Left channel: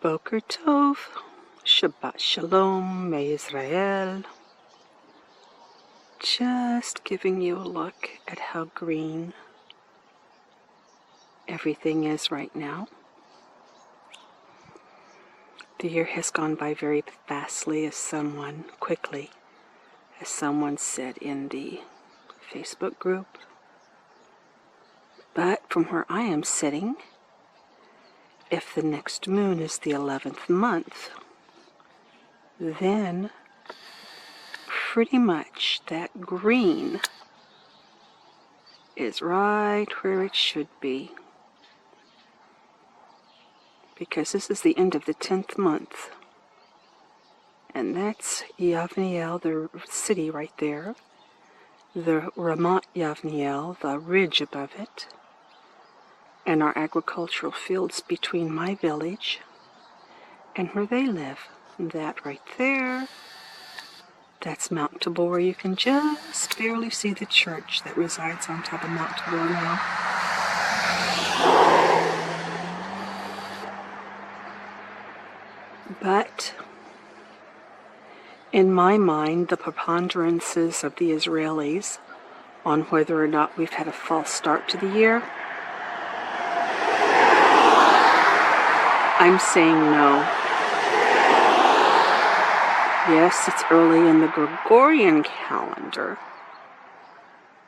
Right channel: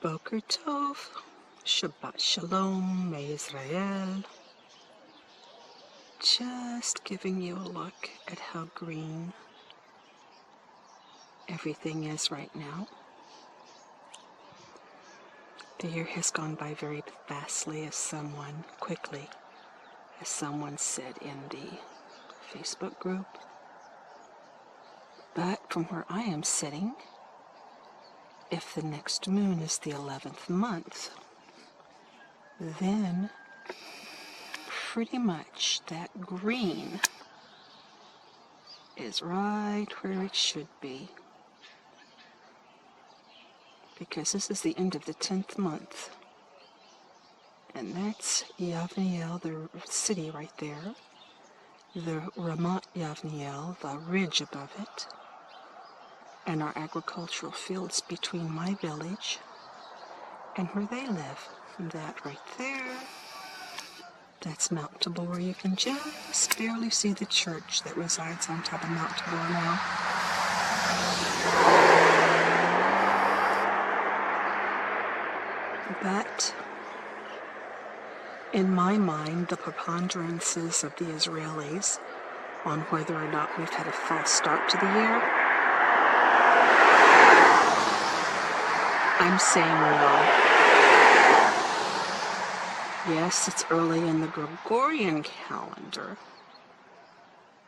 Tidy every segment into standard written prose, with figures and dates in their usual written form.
Boker Tov, Shabbat Shalom, May Israel. Just giving you a look at how green everything is right now. The year has gone by very fastly, as someone said in the Facebook group. But from where I am sitting, if the next moon is the 11th month, then pretty much that green is right where it should be. Because this is the end of the 10th month. And that's Yavniel, the city right there. The Ramat Yavniel, the ridge above it. And our agricultural fields between my village and where they live. And that right there, that's Mount Tabor. You can just barely see the church that resides on top of Mount Tabor now. But in my mind, the preponderances of the Israelis on whether or not we've had a false start to the year, I'm saying no. Yes, it's early in the Gregorian calendar,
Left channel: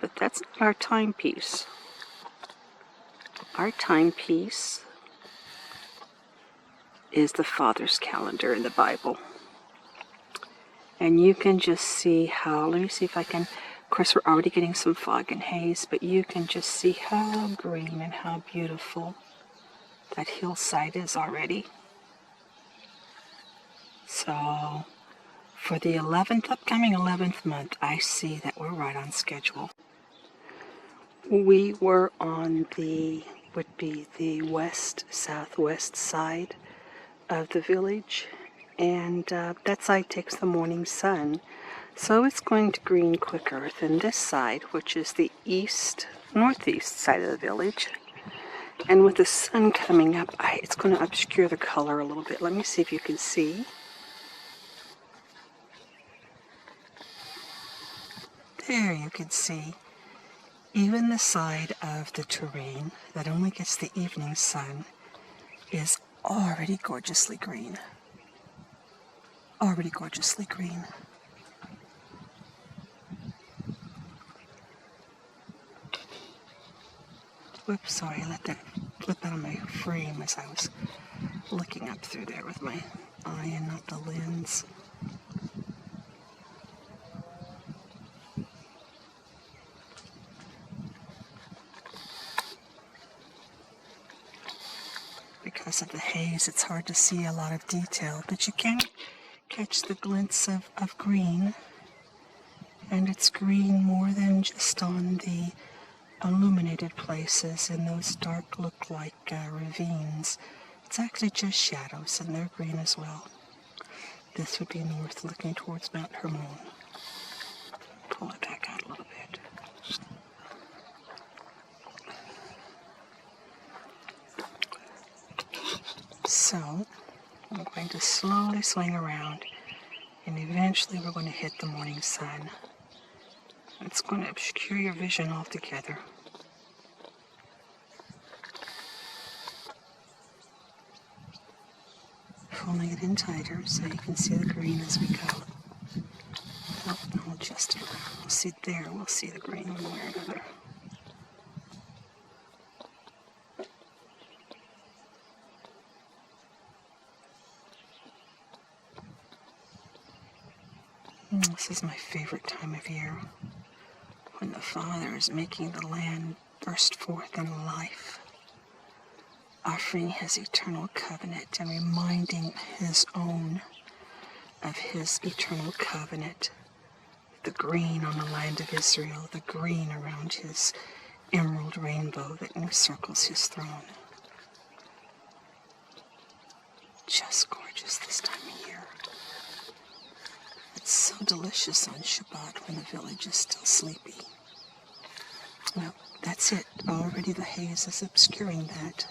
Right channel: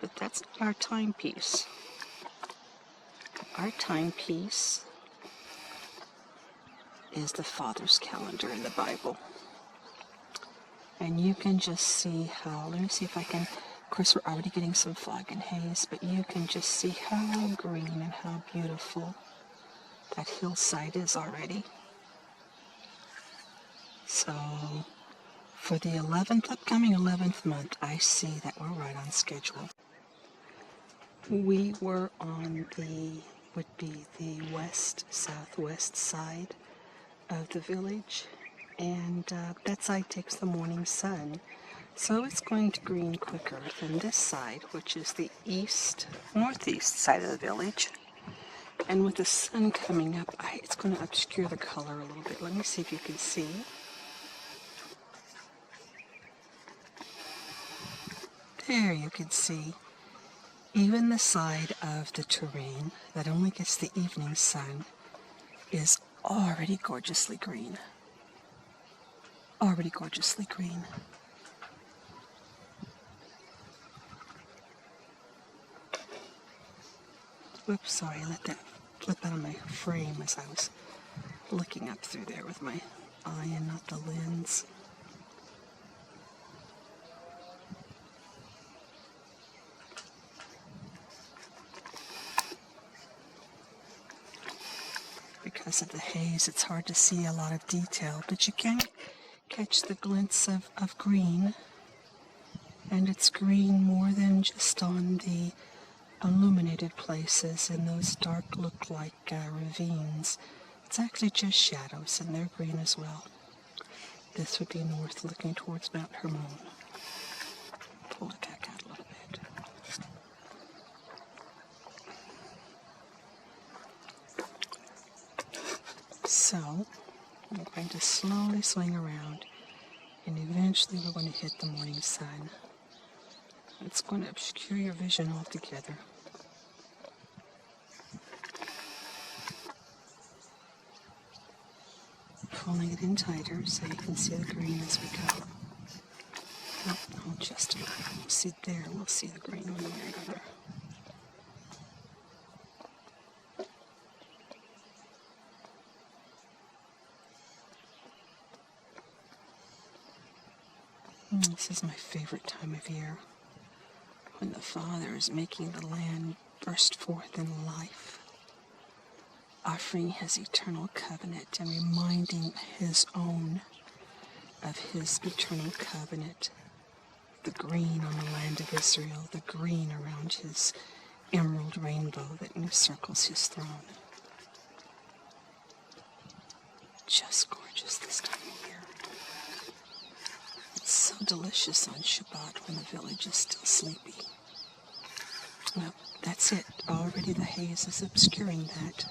but that's not our timepiece. Our timepiece is the Father's calendar in the Bible. And you can just see how, let me see if I can, of course we're already getting some fog and haze, but you can just see how green and how beautiful that hillside is already. So, for the upcoming 11th month, I see that we're right on schedule. We were on the southwest side of the village, and that side takes the morning sun, so it's going to green quicker than this side, which is the northeast side of the village. And with the sun coming up, it's going to obscure the color a little bit. Let me see if you can see. There you can see. Even the side of the terrain that only gets the evening sun is already gorgeously green. Already gorgeously green. Whoops, sorry, I let that flip out of my frame as I was looking up through there with my eye and not the lens. Because of the haze, it's hard to see a lot of detail, but you can catch the glints of green, and it's green more than just on the illuminated places in those dark look like ravines. It's actually just shadows, and they're green as well. This would be north, looking towards Mount Hermon. Pull it back out a little bit. So, I'm going to slowly swing around, and eventually we're going to hit the morning sun. It's going to obscure your vision altogether. Pulling it in tighter so you can see the green as we go. Oh, I'll adjust it. We'll see there. We'll see the green one way or another. This is my favorite time of year, when the Father is making the land burst forth in life, offering his eternal covenant and reminding his own of his eternal covenant. The green on the land of Israel, the green around his emerald rainbow that encircles his throne. Just gorgeous this time of year. It's so delicious on Shabbat when the village is still sleepy. Well, that's it. Already the haze is obscuring that.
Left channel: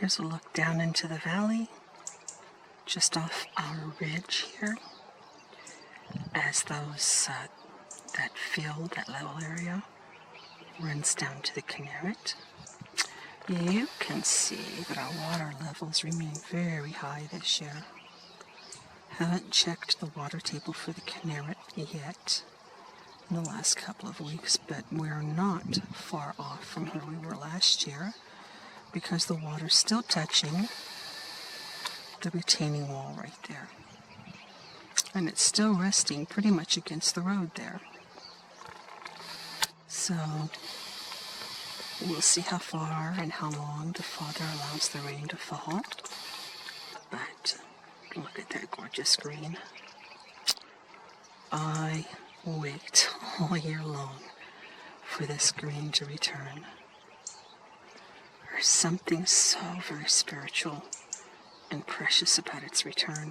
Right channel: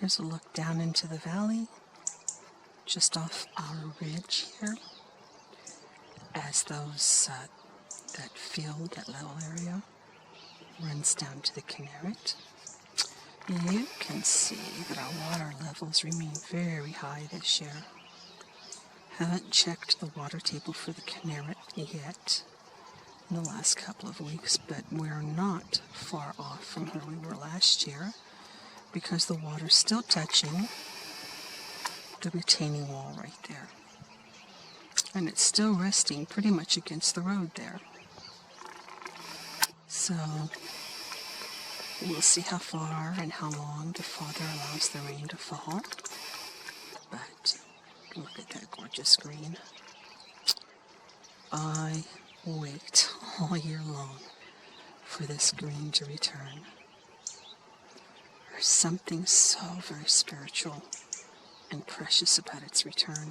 Here's a look down into the valley, just off our ridge here, as that field, that level area, runs down to the calanit. You can see that our water levels remain very high this year. Haven't checked the water table for the calanit yet in the last couple of weeks, but we're not far off from where we were last year because the water's still touching the retaining wall right there. And it's still resting pretty much against the road there. So we'll see how far and how long the Father allows the rain to fall. But look at that gorgeous green. I wait all year long for this green to return. There's something so very spiritual and precious about its return.